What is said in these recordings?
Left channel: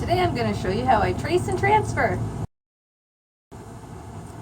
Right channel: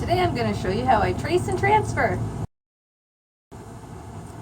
Today I'm going to show you how I trace and transfer.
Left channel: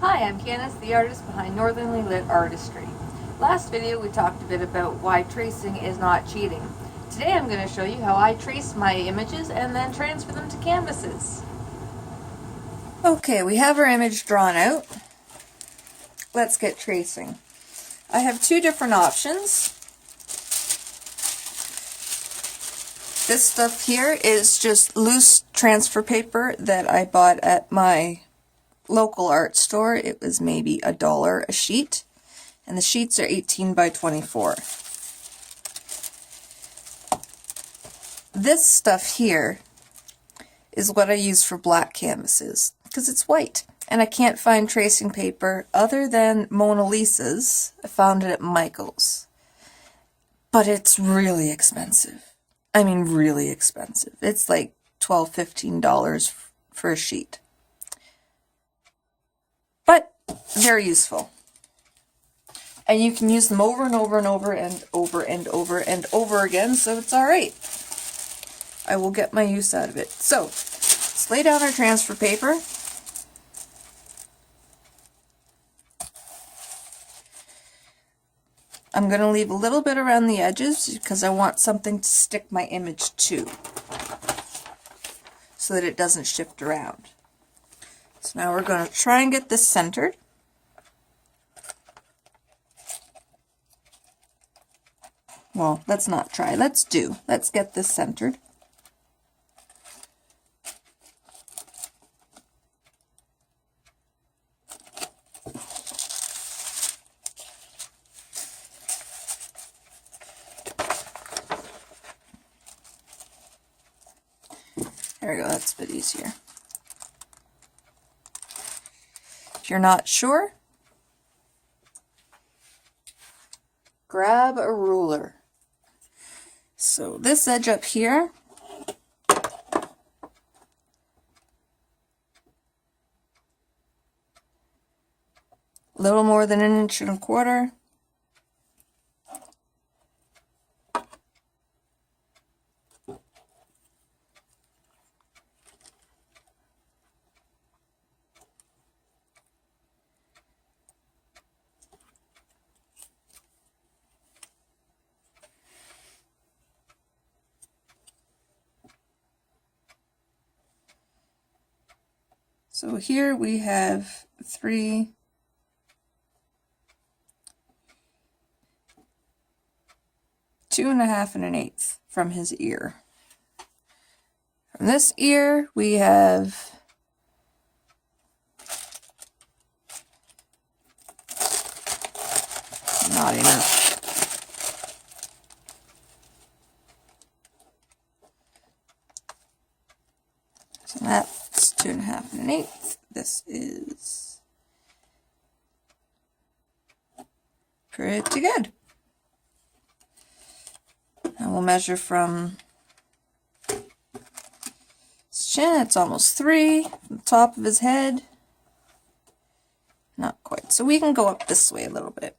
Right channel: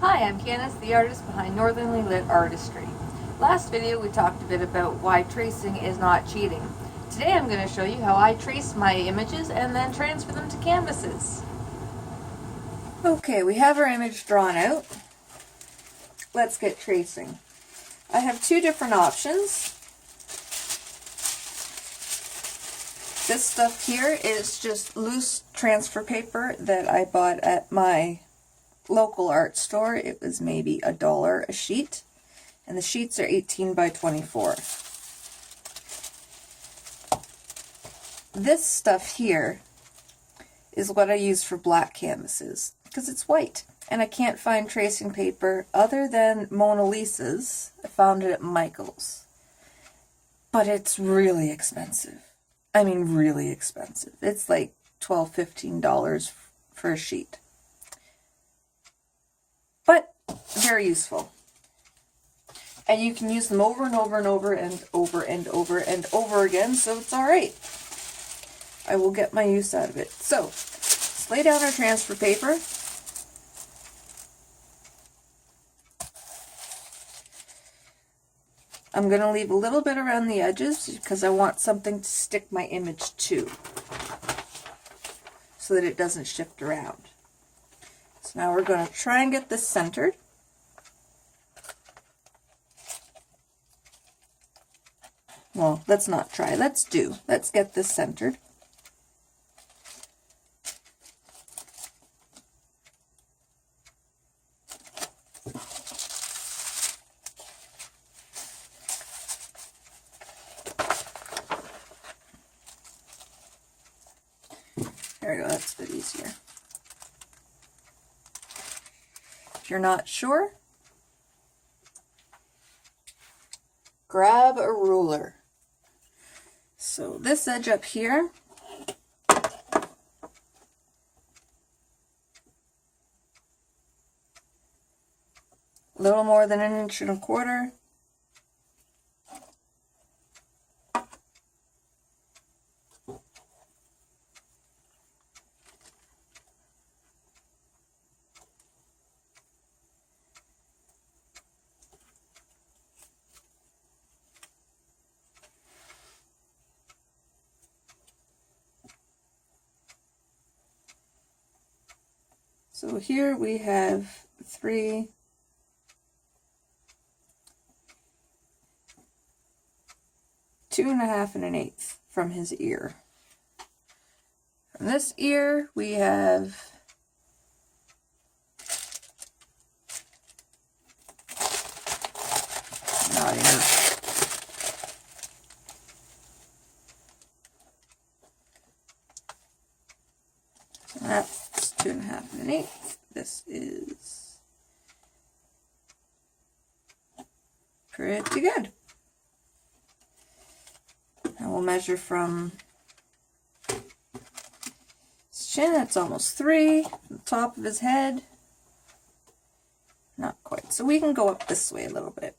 Hi, I'm Candace, the artist behind Northernly Lit Artistry. Last video we talked a bit about why tracing is not cheating. Today I'm going to show you how I trace my images and then transfer them to canvases. Okay, we have our image drawn out. Let's get tracing. I have two different options. This stuff here is just loose transfer paper that I bought at my local art store. It was maybe $1 a sheet, and the sheets are 18 by 24. This stuff here is what I use for black canvases because it's white, and I can't find tracing paper other than Mona Lisa's. I found it at Michael's, but it's really expensive. I mean, really expensive. It's like $12, $15 for a sheet. But they're useful. And you can use them over and over and over and over and over and over again, so it's alright. I will get my use out of it. So, let's lay down our transfer paper. I'm going to leave a little bit around the edges because I want something to stick my image to so that it doesn't shift around. So now we're going to try and get this centered. Well, let's not try. Let's do. Let's get this centered. There we go, that's a bit easier. If you're not sure, grab a ruler. So this edge up here, a little more than 1.25 inches. So here we have 3, 2.5 and 1/8 from his ear. From this ear we have not enough. So that's 2.5 and 1/8. This is pretty good. And we'll measure from his chin. It's almost 3. From the top of his head. Not quite. So we can go up this way a little bit.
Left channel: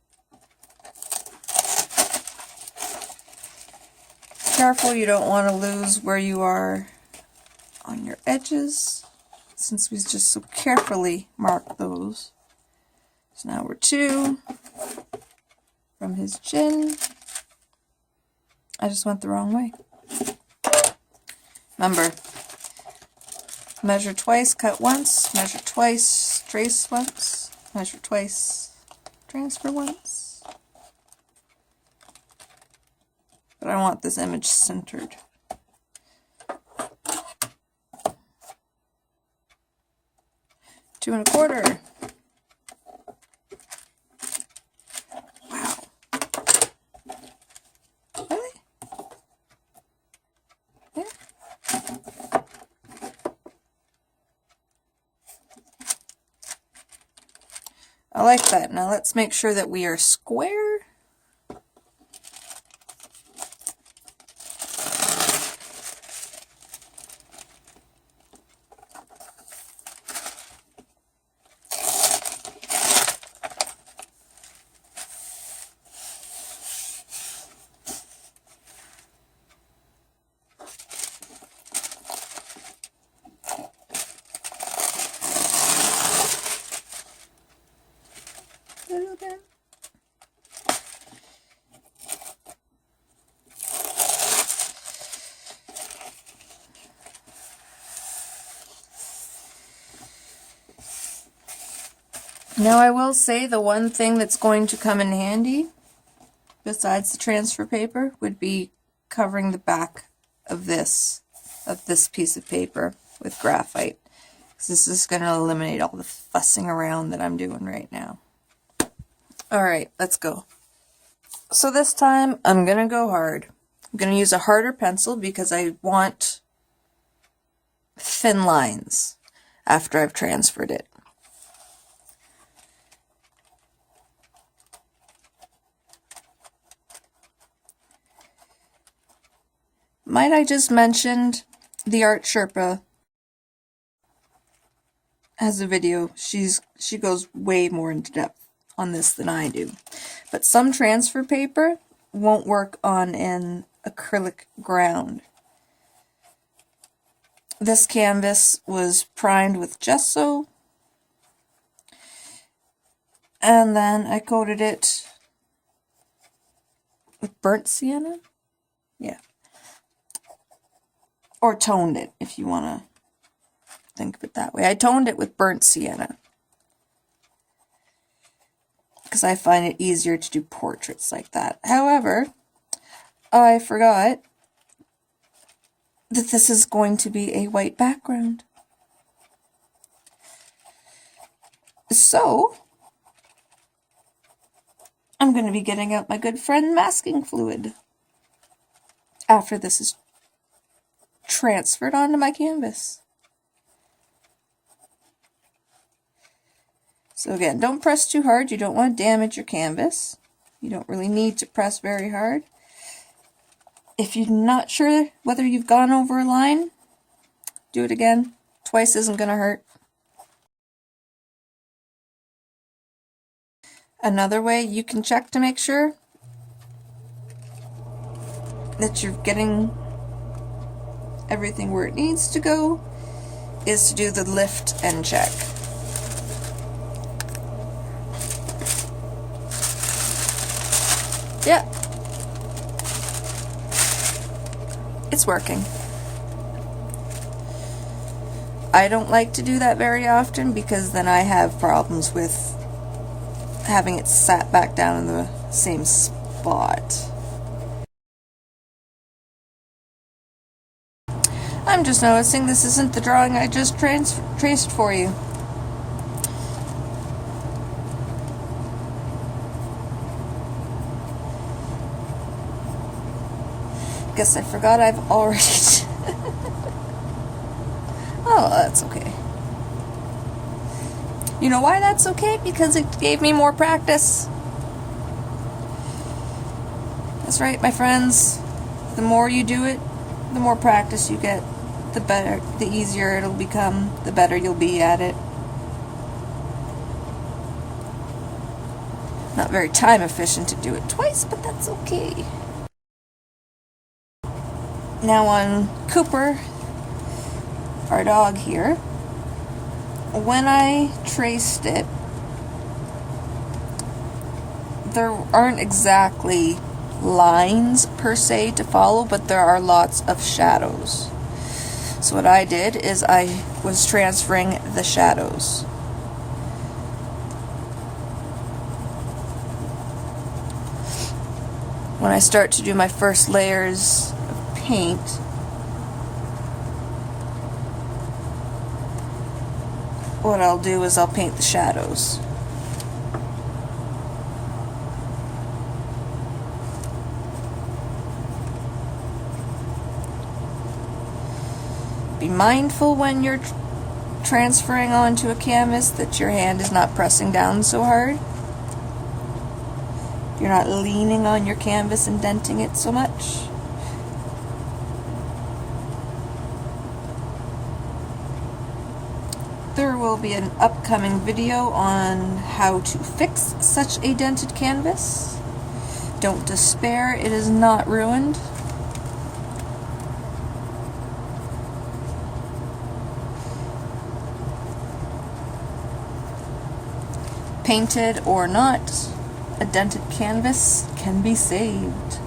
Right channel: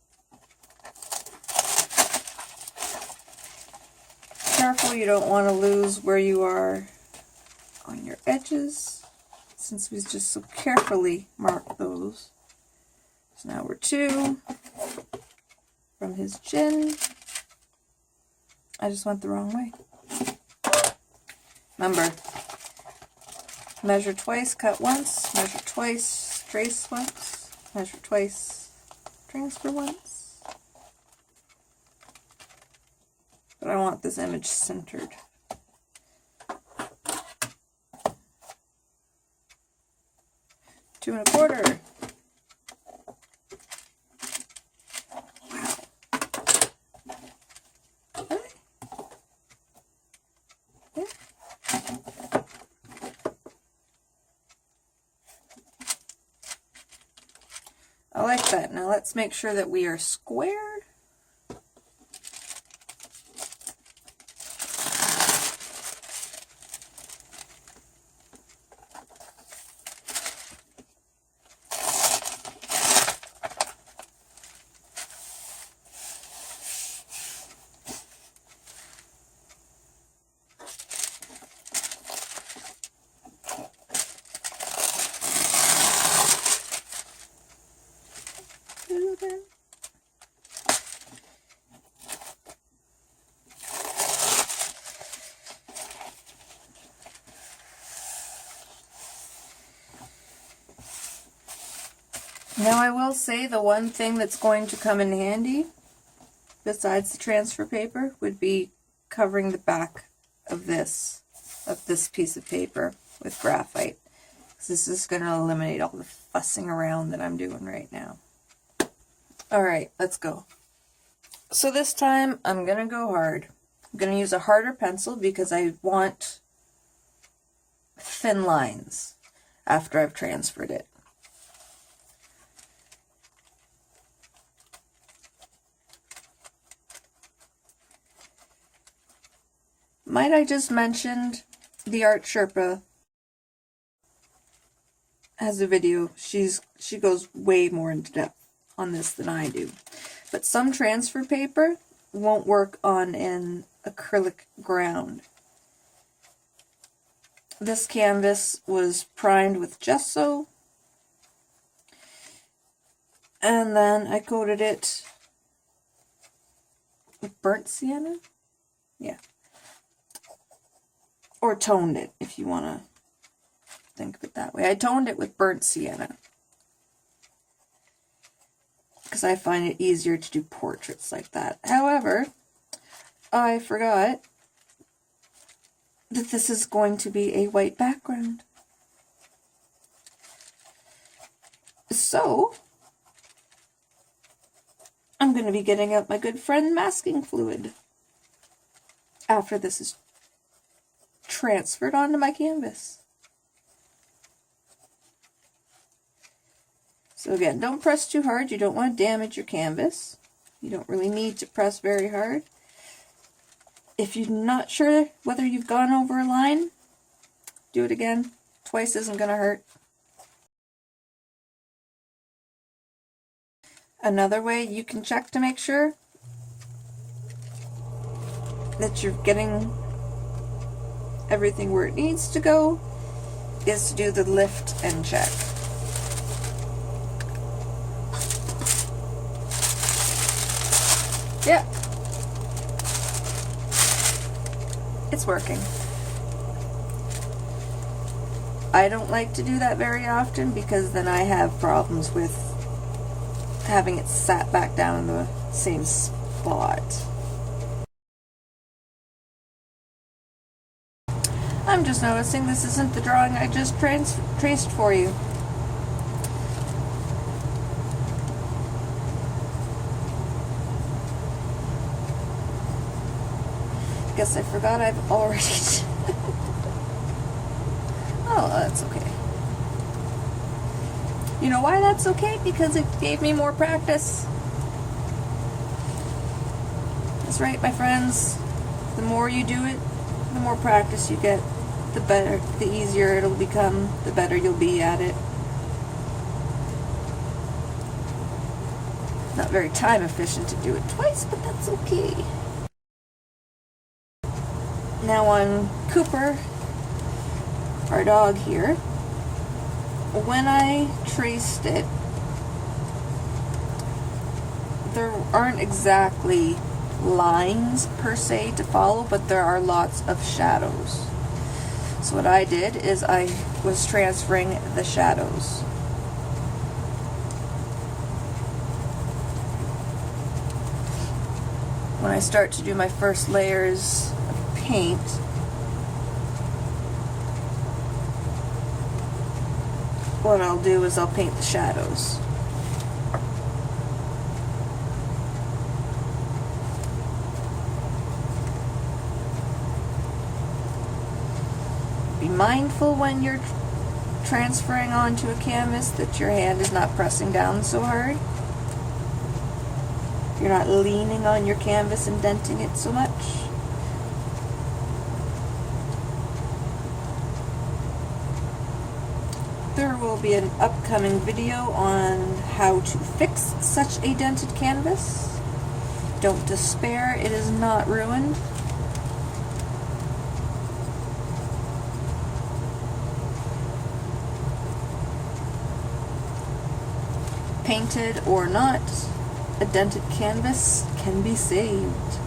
Careful, you don't want to lose where you are on your edges, since we just so carefully mark those. So now we're 2 from his chin. I just went the wrong way. Remember, measure twice, cut once, measure twice, trace once, measure twice, transfer once. But I want this image centered. Two 2.25. Wow. Really? Yeah. I like that. Now let's make sure that we are square. Now I will say the one thing that's going to come in handy, besides the transfer paper, would be covering the back of this piece of paper with graphite. This is going to eliminate all the fussing around that I'm doing right now. Alright, let's go. So this time I'm going to go hard. I'm going to use a harder pencil because I want thin lines after I've transferred it. Might I just mention the Art Sherpa has a video. She goes way more into depth on this than I do. But some transfer paper won't work on an acrylic ground. This canvas was primed with gesso, and then I coated it with burnt sienna? Yeah. Or toned it, if you want to think of it that way. I toned it with burnt sienna because I find it easier to do portraits like that. However, I forgot that this is going to be a white background. So, I'm going to be getting out my good friend masking fluid after this is transferred onto my canvas. So again, don't press too hard. You don't want to damage your canvas. You don't really need to press very hard. If you're not sure whether you've gone over a line, do it again. Twice isn't going to hurt. Another way you can check to make sure that you're getting everything where it needs to go is to do the lift and check. Yeah, it's working. I don't like to do that very often because then I have problems with having it sat back down in the same spot. I'm just noticing this isn't the drawing I just traced for you. Guess I forgot I've already... Oh, that's okay. You know why that's okay? Because it gave me more practice. That's right, my friends. The more you do it, the more practice you get, the better, the easier it'll become, the better you'll be at it. Not very time efficient to do it twice, but that's okay. Now on Cooper, our dog here, when I traced it, there aren't exactly lines per se to follow, but there are lots of shadows. So what I did is I was transferring the shadows. When I start to do my first layers of paint, what I'll do is I'll paint the shadows. Be mindful when you're transferring onto a canvas that your hand is not pressing down so hard. You're not leaning on your canvas and denting it so much. There will be an upcoming video on how to fix such a dented canvas. Don't despair, it is not ruined. Painted or not, a dented canvas can be saved.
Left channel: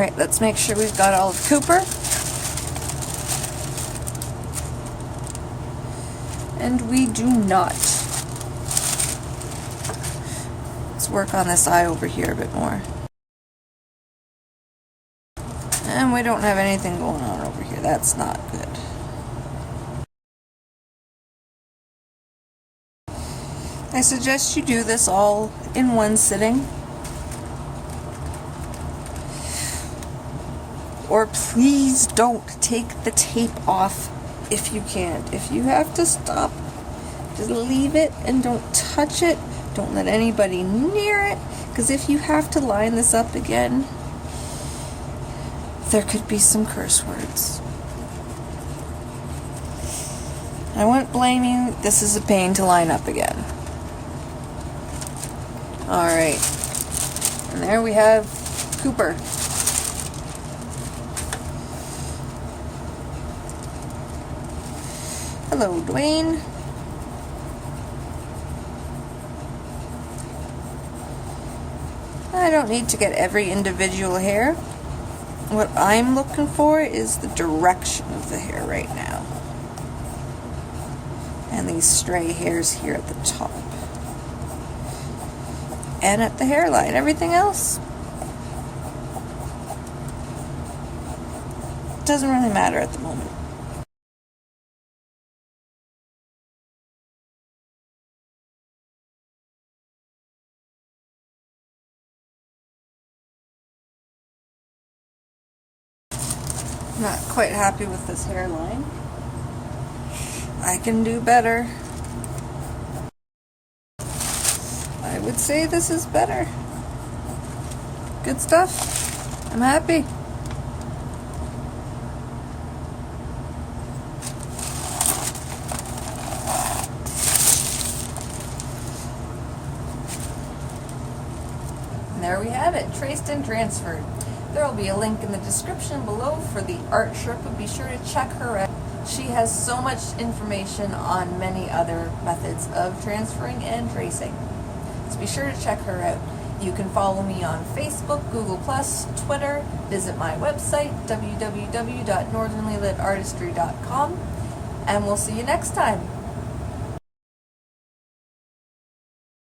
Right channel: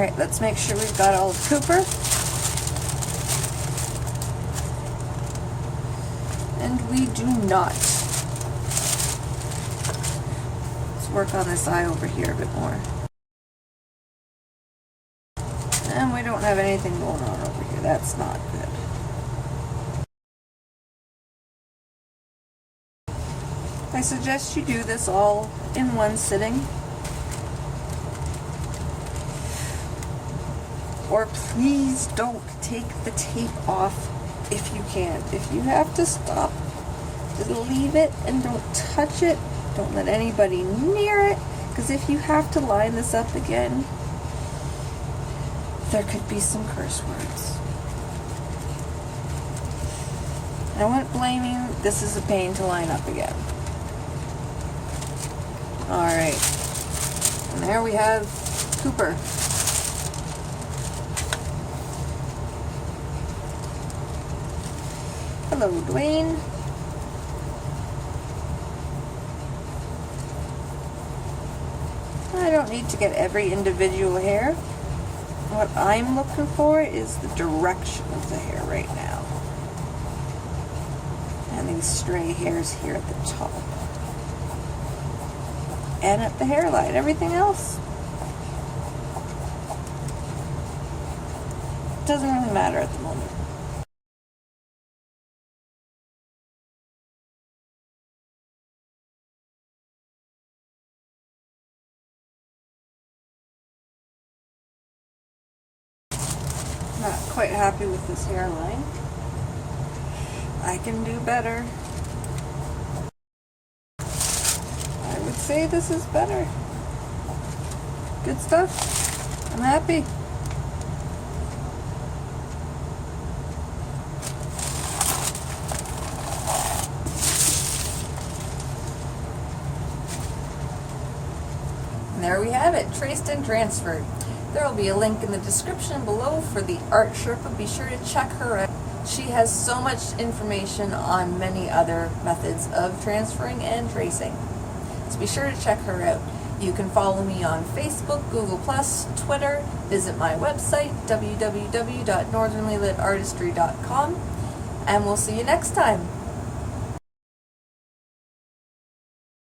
Alright, let's make sure we've got all the Cooper. And we do not. Let's work on this eye over here a bit more. And we don't have anything going on over here. That's not good. I suggest you do this all in one sitting. Or please don't take the tape off if you can't. If you have to stop, just leave it and don't touch it. Don't let anybody near it, because if you have to line this up again, there could be some curse words. I won't blame you. This is a pain to line up again. Alright. And there we have Cooper. Hello, Dwayne. I don't need to get every individual hair. What I'm looking for is the direction of the hair right now. And these stray hairs here at the top. And at the hairline. Everything else doesn't really matter at the moment. Not quite happy with this hairline. I can do better. I would say this is better. Good stuff. I'm happy. And there we have it, traced and transferred. There will be a link in the description below for the Art Sherpa. Be sure to check her out. She has so much information on many other methods of transferring and tracing. So be sure to check her out. You can follow me on Facebook, Google+, Twitter, visit my website, www.northernlylitArtistry.com, and we'll see you next time.